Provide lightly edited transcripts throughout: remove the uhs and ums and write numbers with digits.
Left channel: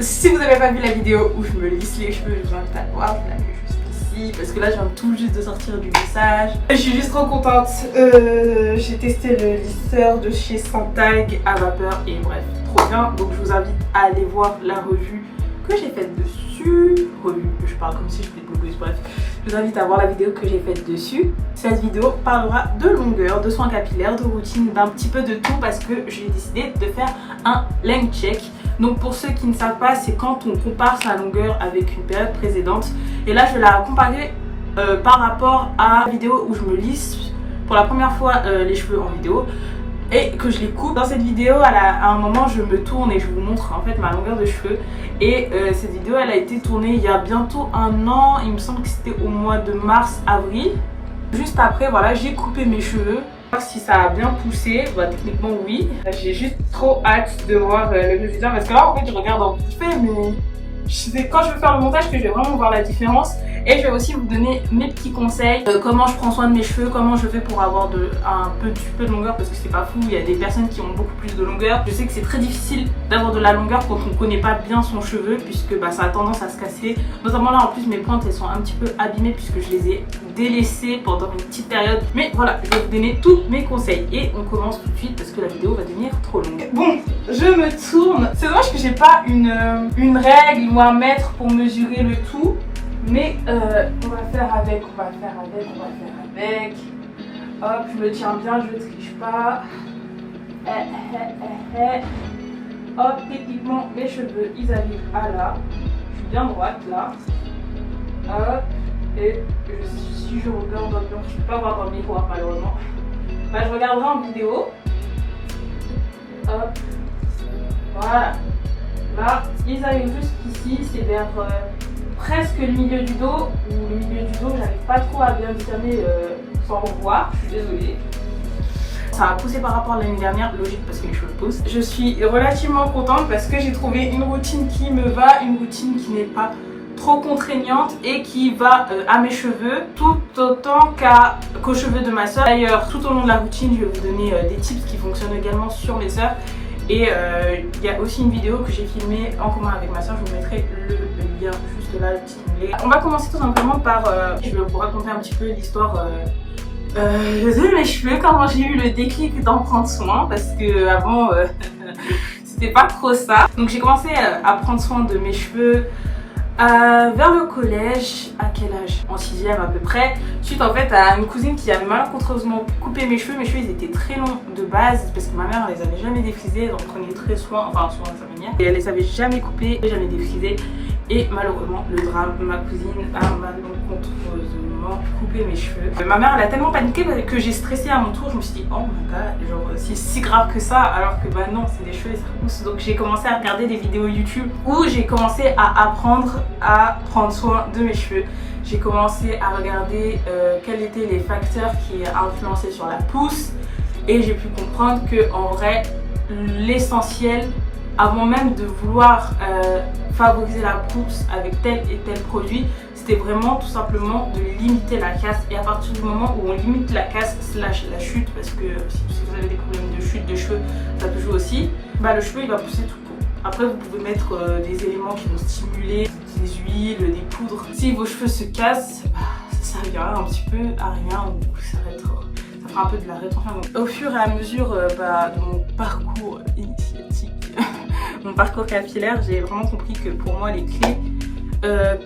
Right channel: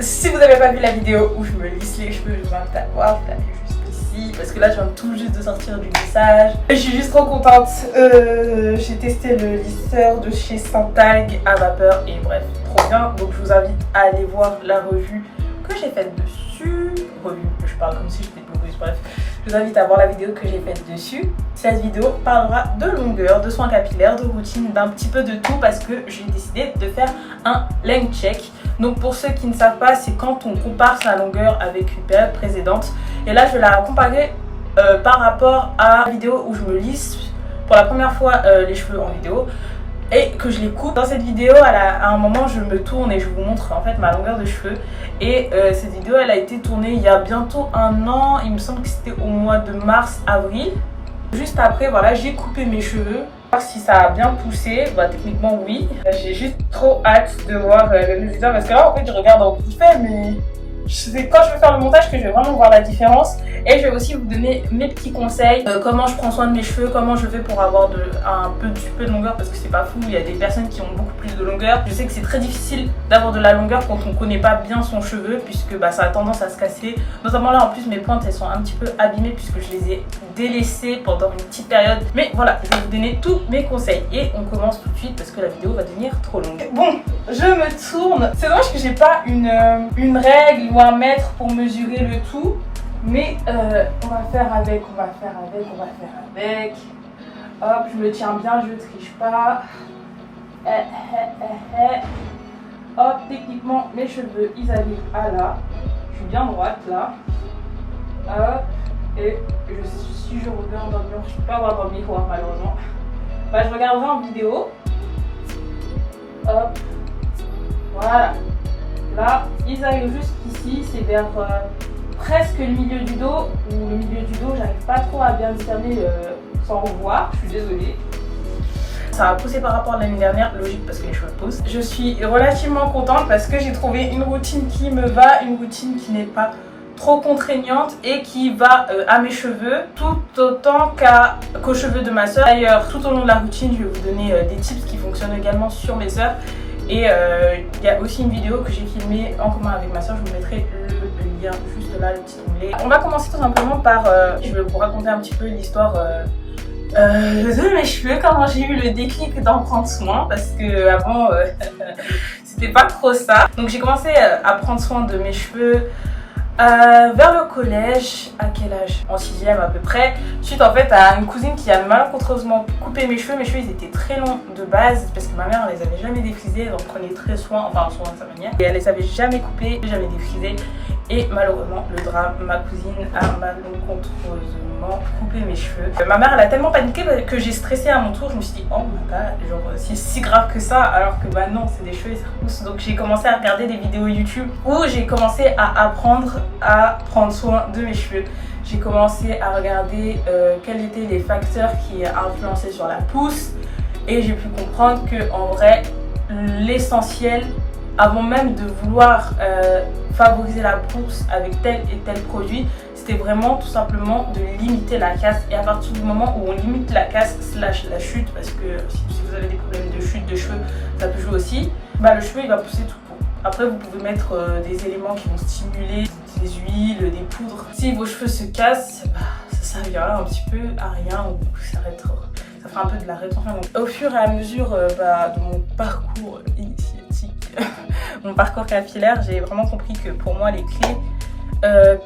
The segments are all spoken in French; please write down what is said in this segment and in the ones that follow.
Si vous n'avez pas vu la vidéo où je me lisse les cheveux, je vous invite à la voir, je la mets juste ici parce que là je viens tout juste de sortir du lissage. Je suis juste trop contente. J'ai testé le lisseur de chez Saint-Algue à vapeur et bref, trop bien. Donc je vous invite à aller voir la revue que j'ai faite dessus. Revue, je parle comme si j'étais blogueuse, bref. Je vous invite à voir la vidéo que j'ai faite dessus. Cette vidéo parlera de longueur, de soins capillaires, de routine, d'un petit peu de tout parce que j'ai décidé de faire un length check. Donc pour ceux qui ne savent pas, c'est quand on compare sa longueur avec une période précédente. Et là, je vais la comparer par rapport à la vidéo où je me lisse pour la première fois les cheveux en vidéo et que je les coupe. Dans cette vidéo, à un moment, je me tourne et je vous montre en fait ma longueur de cheveux. Et cette vidéo, elle a été tournée il y a bientôt un an. Il me semble que c'était au mois de mars-avril. Juste après, voilà, j'ai coupé mes cheveux. Si ça a bien poussé, bah techniquement oui. J'ai juste trop hâte de voir le résultat parce que là en fait je regarde en vite fait, mais c'est quand je vais faire le montage que je vais vraiment voir la différence. Et je vais aussi vous donner mes petits conseils, comment je prends soin de mes cheveux, comment je fais pour avoir un petit peu de longueur parce que c'est pas fou, il y a des personnes qui ont beaucoup plus de longueur. Je sais que c'est très difficile d'avoir de la longueur quand on connaît pas bien son cheveu puisque bah, ça a tendance à se casser. Notamment là en plus mes pointes elles sont un petit peu abîmées puisque je les ai délaissées pendant une petite période. Mais voilà, je vais vous donner tous mes conseils et on commence tout de suite parce que la vidéo va devenir trop longue. Bon, je me tourne. C'est dommage que j'ai pas une règle ou un mètre pour mesurer le tout. Mais on va faire avec. Hop, je me tiens bien, je triche pas. Hop, techniquement, mes cheveux, ils arrivent à là. Je suis bien droite là. Hop, et si je regarde dans le blanc, je ne peux pas voir dans le miroir malheureusement. Bah, je regarderai en vidéo. Hop, voilà. Là, ils arrivent jusqu'ici, c'est vers... presque le milieu du dos, ou le milieu du dos, j'arrive pas trop à bien discerner sans voir, je suis désolée. Ça a poussé par rapport à l'année dernière, logique parce que les cheveux poussent. Je suis relativement contente parce que j'ai trouvé une routine qui me va, une routine qui n'est pas trop contraignante et qui va à mes cheveux tout autant qu'aux cheveux de ma soeur. D'ailleurs, tout au long de la routine, je vais vous donner des tips qui fonctionnent également sur mes soeurs. Et il y a aussi une vidéo que j'ai filmée en commun avec ma soeur, je vous mettrai le lien juste là, le petit onglet. On va commencer tout simplement par, je vais vous raconter un petit peu l'histoire de mes cheveux, comment j'ai eu le déclic d'en prendre soin, parce que avant c'était pas trop ça. Donc j'ai commencé à prendre soin de mes cheveux vers le collège, à quel âge? En 6ème à peu près, suite en fait à une cousine qui avait malencontreusement coupé mes cheveux. Mes cheveux ils étaient très longs de base parce que ma mère elle les avait jamais défrisés, donc prenait très soin, enfin soin de sa manière. Et elle les avait jamais coupés, jamais défrisés. Et malheureusement, le drame, ma cousine a malencontreusement coupé mes cheveux. Ma mère elle a tellement paniqué que j'ai stressé à mon tour. Je me suis dit oh my god, genre c'est si grave que ça, alors que bah non, c'est des cheveux et ça repousse. Donc j'ai commencé à regarder des vidéos YouTube où j'ai commencé à apprendre à prendre soin de mes cheveux. J'ai commencé à regarder quels étaient les facteurs qui influençaient sur la pousse et j'ai pu comprendre que en vrai l'essentiel, avant même de vouloir favoriser la pousse avec tel et tel produit, c'était vraiment tout simplement de limiter la casse. Et à partir du moment où on limite la casse slash la chute, parce que si vous avez des problèmes de chute de cheveux, ça peut jouer aussi, bah le cheveu il va pousser tout court. Après vous pouvez mettre des éléments qui vont stimuler, des huiles, des poudres. Si vos cheveux se cassent, bah, ça servira un petit peu à rien ou ça fera un peu de la rétention. Donc, au fur et à mesure de mon parcours initiatique, mon parcours capillaire, j'ai vraiment compris que pour moi les clés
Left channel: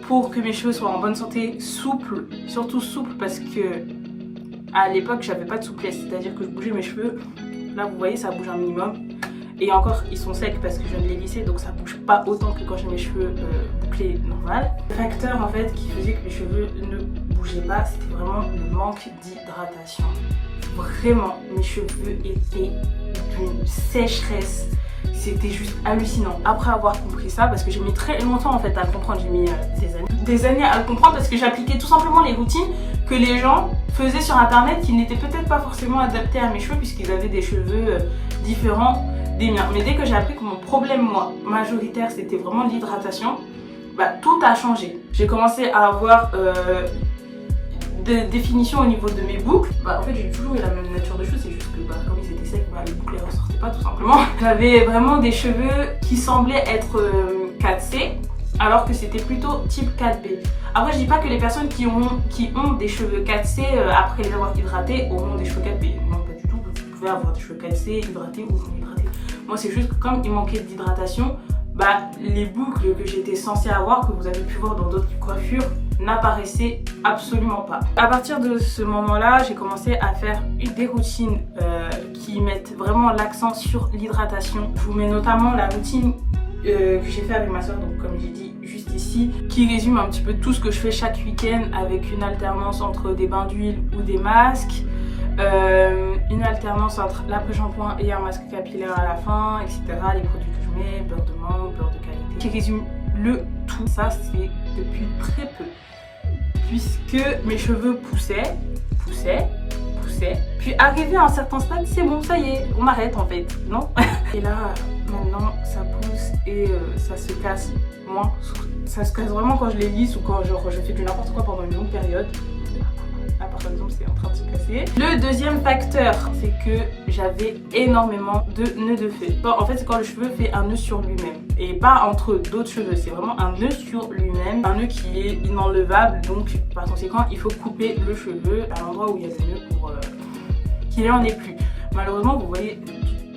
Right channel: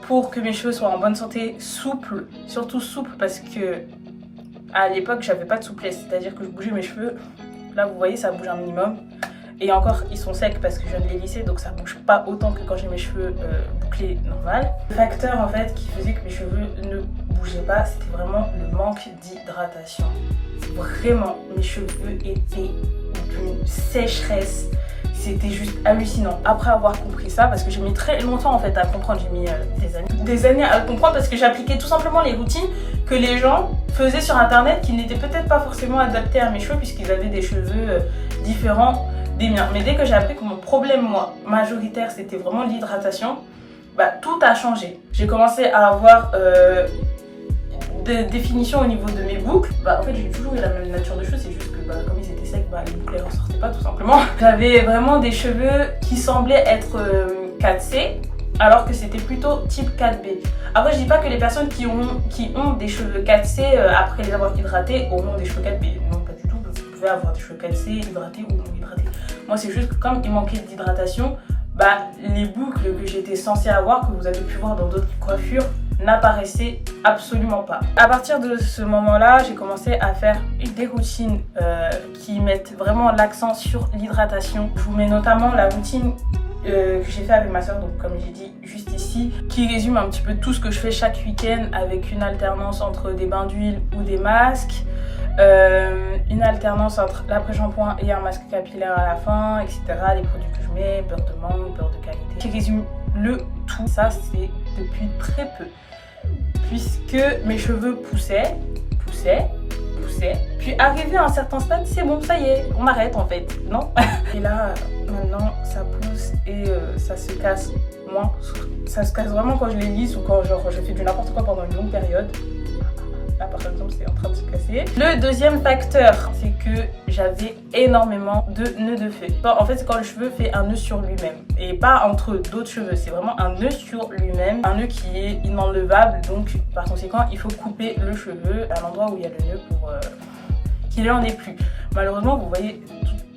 pour que mes cheveux soient en bonne santé, souples, surtout souples parce que à l'époque j'avais pas de souplesse, c'est-à-dire que je bougeais mes cheveux, là vous voyez ça bouge un minimum et encore ils sont secs parce que je viens de les lisser donc ça bouge pas autant que quand j'ai mes cheveux bouclés normal. Le facteur en fait qui faisait que mes cheveux ne bougeaient pas, c'était vraiment le manque d'hydratation. Vraiment mes cheveux étaient d'une sécheresse. C'était juste hallucinant. Après avoir compris ça, parce que j'ai mis très longtemps en fait à comprendre, j'ai mis des années à comprendre parce que j'appliquais tout simplement les routines que les gens faisaient sur internet qui n'étaient peut-être pas forcément adaptées à mes cheveux puisqu'ils avaient des cheveux différents des miens. Mais dès que j'ai appris que mon problème moi majoritaire c'était vraiment l'hydratation, bah tout a changé. J'ai commencé à avoir des définitions au niveau de mes boucles. Bah en fait j'ai toujours eu la même nature de cheveux, c'est juste que bah, comme ils étaient secs, bah, les boucles elles ressortaient pas tout simplement. J'avais vraiment des cheveux qui semblaient être 4C, alors que c'était plutôt type 4B. Après, je dis pas que les personnes qui ont des cheveux 4C après les avoir hydratés auront des cheveux 4B. Non, pas du tout. Vous pouvez avoir des cheveux 4C hydratés ou non hydratés. Moi, c'est juste que comme il manquait d'hydratation, bah, les boucles que j'étais censée avoir, que vous avez pu voir dans d'autres coiffures, n'apparaissaient absolument pas. À partir de ce moment-là, j'ai commencé à faire des routines qui mettent vraiment l'accent sur l'hydratation. Je vous mets notamment la routine que j'ai fait avec ma soeur, donc comme j'ai dit juste ici, qui résume un petit peu tout ce que je fais chaque week-end avec une alternance entre des bains d'huile ou des masques, une alternance entre l'après-shampoing et un masque capillaire à la fin, etc. Les produits que je mets, beurre de mangue, beurre de qualité. Qui résume le tout. Ça, c'est depuis très peu. Puisque mes cheveux poussaient, puis arrivé à un certain stade, c'est bon, ça y est, on arrête en fait, non? Et là, maintenant, ça pousse et ça se casse moins. Ça se casse vraiment quand je les lisse ou quand genre, je fais du n'importe quoi pendant une longue période. Là, par exemple, c'est en train de se casser. Le deuxième facteur, c'est que j'avais énormément de nœuds de feu. En fait, c'est quand le cheveu fait un nœud sur lui-même et pas entre d'autres cheveux. C'est vraiment un nœud sur lui-même, un nœud qui est inenlevable. Donc, par conséquent, il faut couper le cheveu à l'endroit où il y a le nœud pour qu'il n'en ait plus. Malheureusement, vous voyez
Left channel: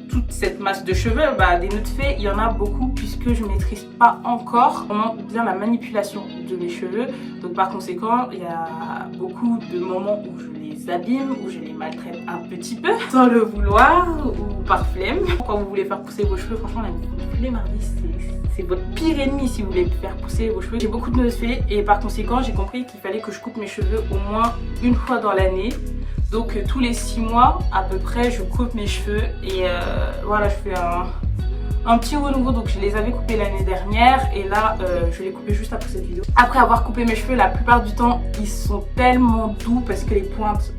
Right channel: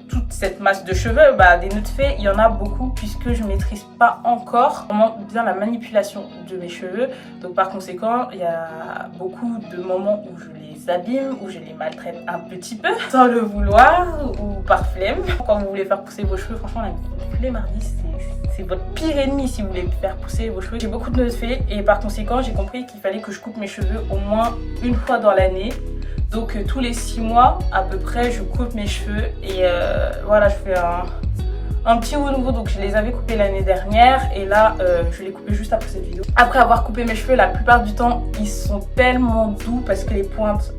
toute cette masse de cheveux, des nœuds de fée, il y en a beaucoup puisque je maîtrise pas encore vraiment bien la manipulation de mes cheveux. Donc par conséquent, il y a beaucoup de moments où je les abîme, où je les maltraite un petit peu, sans le vouloir ou par flemme. Quand vous voulez faire pousser vos cheveux, franchement, la flemmardise, c'est votre pire ennemi si vous voulez faire pousser vos cheveux. J'ai beaucoup de nœuds de fée et par conséquent, j'ai compris qu'il fallait que je coupe mes cheveux au moins une fois dans l'année. Donc tous les 6 mois à peu près, je coupe mes cheveux et voilà, je fais un petit renouveau. Donc je les avais coupés l'année dernière et là je les coupais juste après cette vidéo. Après avoir coupé mes cheveux, la plupart du temps ils sont tellement doux parce que les pointes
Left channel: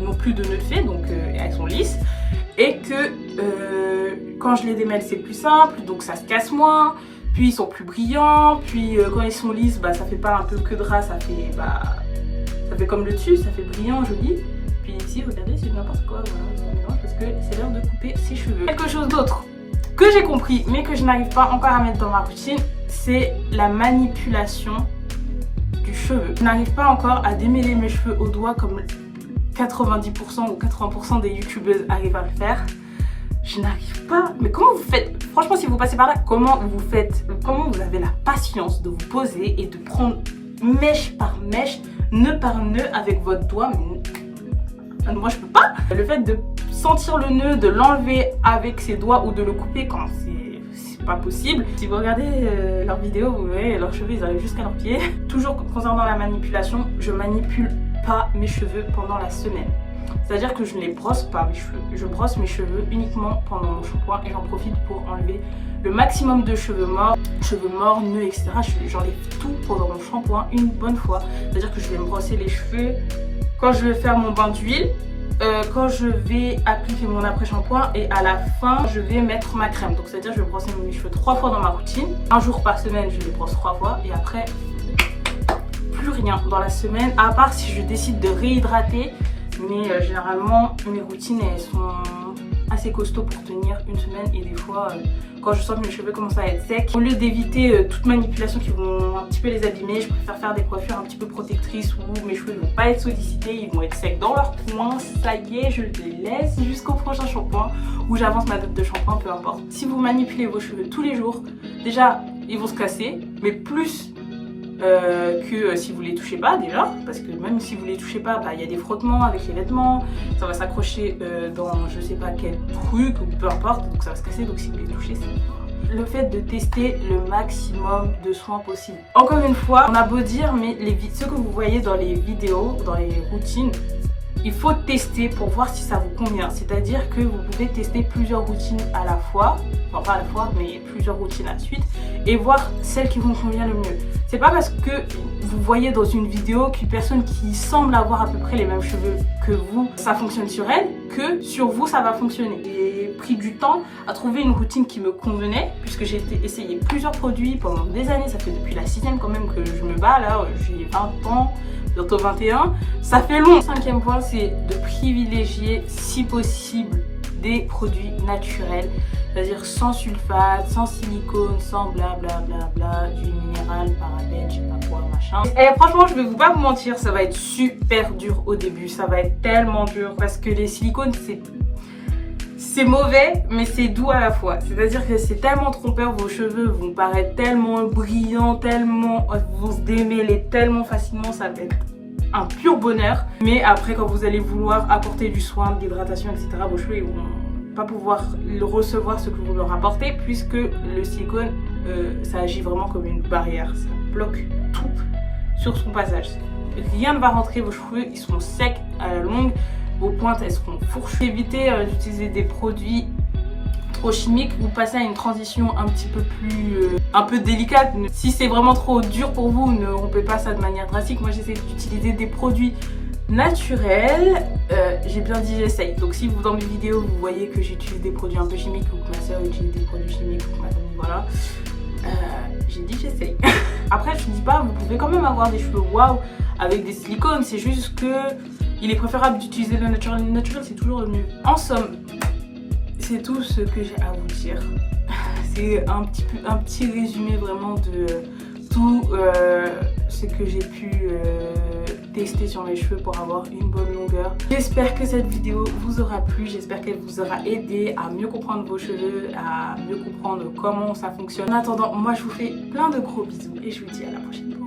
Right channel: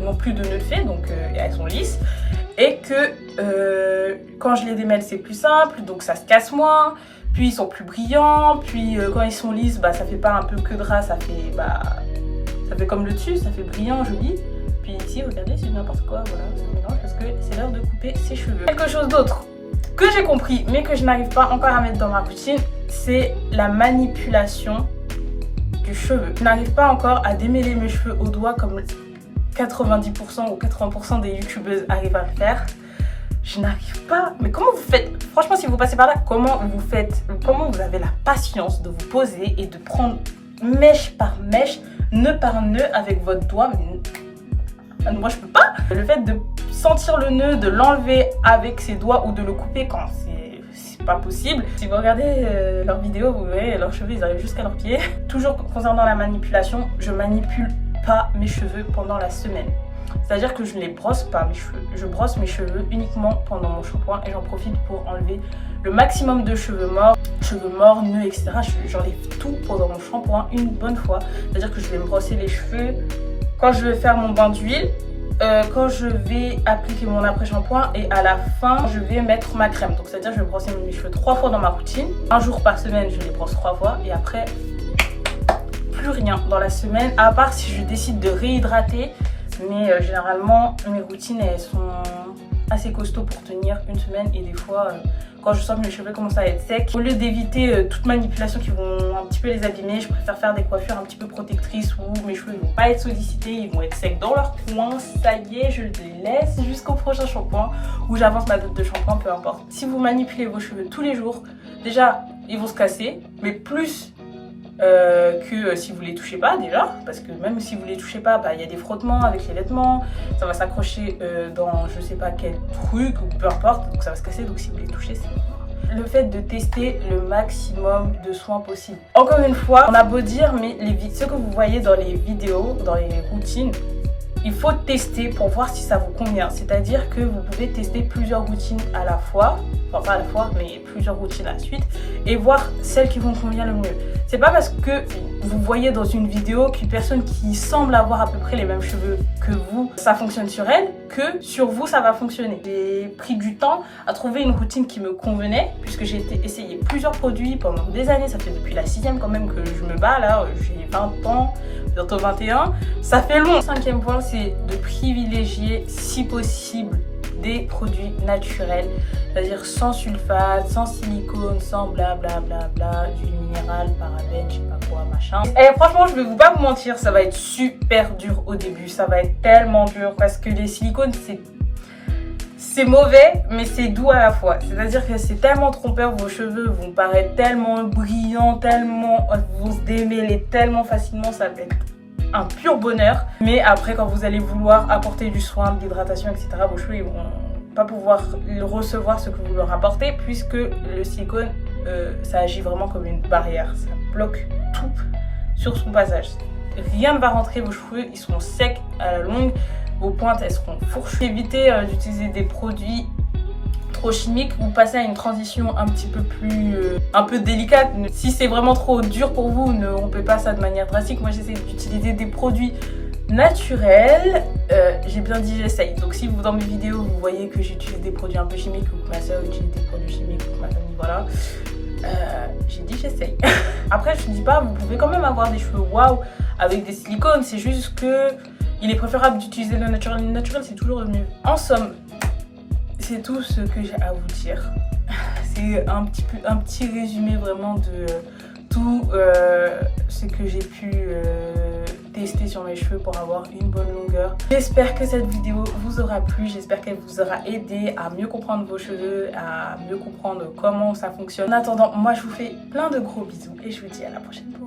n'ont plus de nœuds de fée, donc elles sont lisses. Et que quand je les démêle c'est plus simple, donc ça se casse moins. Puis ils sont plus brillants, puis quand ils sont lisses, ça fait pas un peu que drap, ça fait comme le dessus, ça fait brillant, joli. Puis ici, regardez, c'est n'importe quoi, voilà, c'est mélange parce que c'est l'heure de couper ses cheveux. Quelque chose d'autre que j'ai compris, mais que je n'arrive pas encore à mettre dans ma routine, c'est la manipulation du cheveu. Je n'arrive pas encore à démêler mes cheveux au doigt comme 90% ou 80% des youtubeuses arrivent à le faire. Je n'arrive pas. Mais comment vous faites? Franchement, si vous passez par là, comment vous faites? Comment vous avez la patience de vous poser et de prendre mèche par mèche, nœud par nœud avec votre doigt? Moi je peux pas. Le fait de sentir le nœud, de l'enlever avec ses doigts ou de le couper quand c'est pas possible. Si vous regardez leurs vidéos, vous verrez leurs cheveux ils arrivent jusqu'à leurs pieds. Toujours concernant la manipulation, je manipule pas mes cheveux pendant la semaine. C'est-à-dire que je ne les brosse pas mes cheveux. Je brosse mes cheveux uniquement pendant mon shampoing et j'en profite pour enlever le maximum de cheveux morts, nœuds, etc. J'enlève tout pendant mon shampoing une bonne fois. C'est-à-dire que je vais me brosser les cheveux quand je vais faire mon bain d'huile, quand je vais appliquer mon après-shampoing et à la fin, je vais mettre ma crème. Donc c'est-à-dire que je vais brosser mes cheveux 3 fois dans ma routine. Un jour par semaine, je les brosse 3 fois et après, plus rien dans la semaine, à part si je décide de réhydrater. Mais généralement, mes routines, elles sont assez costauds pour tenir une semaine et des fois, quand je sens que mes cheveux commencent à être secs, au lieu d'éviter toute manipulation qui vont un petit peu les abîmer, je préfère faire des coiffures un petit peu protectrices où mes cheveux ne vont pas être sollicités, ils vont être secs dans leur coin. Ça y est, je les laisse jusqu'au prochain shampoing où j'avance ma date de shampoing, peu importe. Si vous manipulez vos cheveux tous les jours, déjà, ils vont se casser, mais plus que si vous les touchez pas déjà, parce que même si vous les touchez pas, il y a des frottements avec les vêtements, ça va s'accrocher dans je sais pas quel truc ou peu importe, donc ça va se casser. Donc si vous les touchez, c'est mort. Le fait de tester le maximum de soins possible. Encore une fois, on a beau dire, mais ce que vous voyez dans les vidéos, dans les routines, il faut tester pour voir si ça vous convient. C'est-à-dire que vous pouvez tester plusieurs routines à la fois, enfin pas à la fois, mais plusieurs routines à la suite, et voir celle qui vous convient le mieux. C'est pas parce que vous voyez dans une vidéo qu'une personne qui semble avoir à peu près les mêmes cheveux que vous, ça fonctionne sur elle, que sur vous ça va fonctionner. J'ai pris du temps à trouver une routine qui me convenait, puisque j'ai essayé plusieurs produits pendant des années. Ça fait depuis la 6e quand même que je me bats là, j'ai 20 ans, bientôt 21. Ça fait long. Le 5e point, c'est de privilégier si possible des produits naturels, c'est-à-dire sans sulfate, sans silicone, sans blablabla, huile minérale, parabènes, je sais pas quoi, machin. Et franchement, je vais pas vous mentir, ça va être super dur au début, ça va être tellement dur parce que les silicones, c'est mauvais, mais c'est doux à la fois. C'est-à-dire que c'est tellement trompeur, vos cheveux vont paraître tellement brillants, tellement vont se démêler tellement facilement, ça va être un pur bonheur. Mais après, quand vous allez vouloir apporter du soin, de l'hydratation, etc., vos cheveux ils vont pas pouvoir recevoir ce que vous leur apportez, puisque le silicone, ça agit vraiment comme une barrière. Ça bloque tout sur son passage. Rien ne va rentrer, vos cheveux ils sont secs à la longue. Vos pointes elles seront fourchues. Évitez d'utiliser des produits trop chimiques ou passez à une transition un petit peu plus un peu délicate. Si c'est vraiment trop dur pour vous, ne rompez pas ça de manière drastique. Moi j'essaie d'utiliser des produits naturels. J'ai bien dit j'essaye. Donc si vous dans mes vidéos vous voyez que j'utilise des produits un peu chimiques ou que ma soeur utilise des produits chimiques ou que ma famille, voilà, j'ai dit j'essaye. Après je dis pas, vous pouvez quand même avoir des cheveux waouh avec des silicones, c'est juste que il est préférable d'utiliser le naturel. Le naturel, c'est toujours le mieux. En somme, c'est tout ce que j'ai à vous dire. C'est un petit résumé vraiment de tout ce que j'ai pu tester sur mes cheveux pour avoir une bonne longueur. J'espère que cette vidéo vous aura plu. J'espère qu'elle vous aura aidé à mieux comprendre vos cheveux, à mieux comprendre comment ça fonctionne. En attendant, moi, je vous fais plein de gros bisous et je vous dis à la prochaine fois.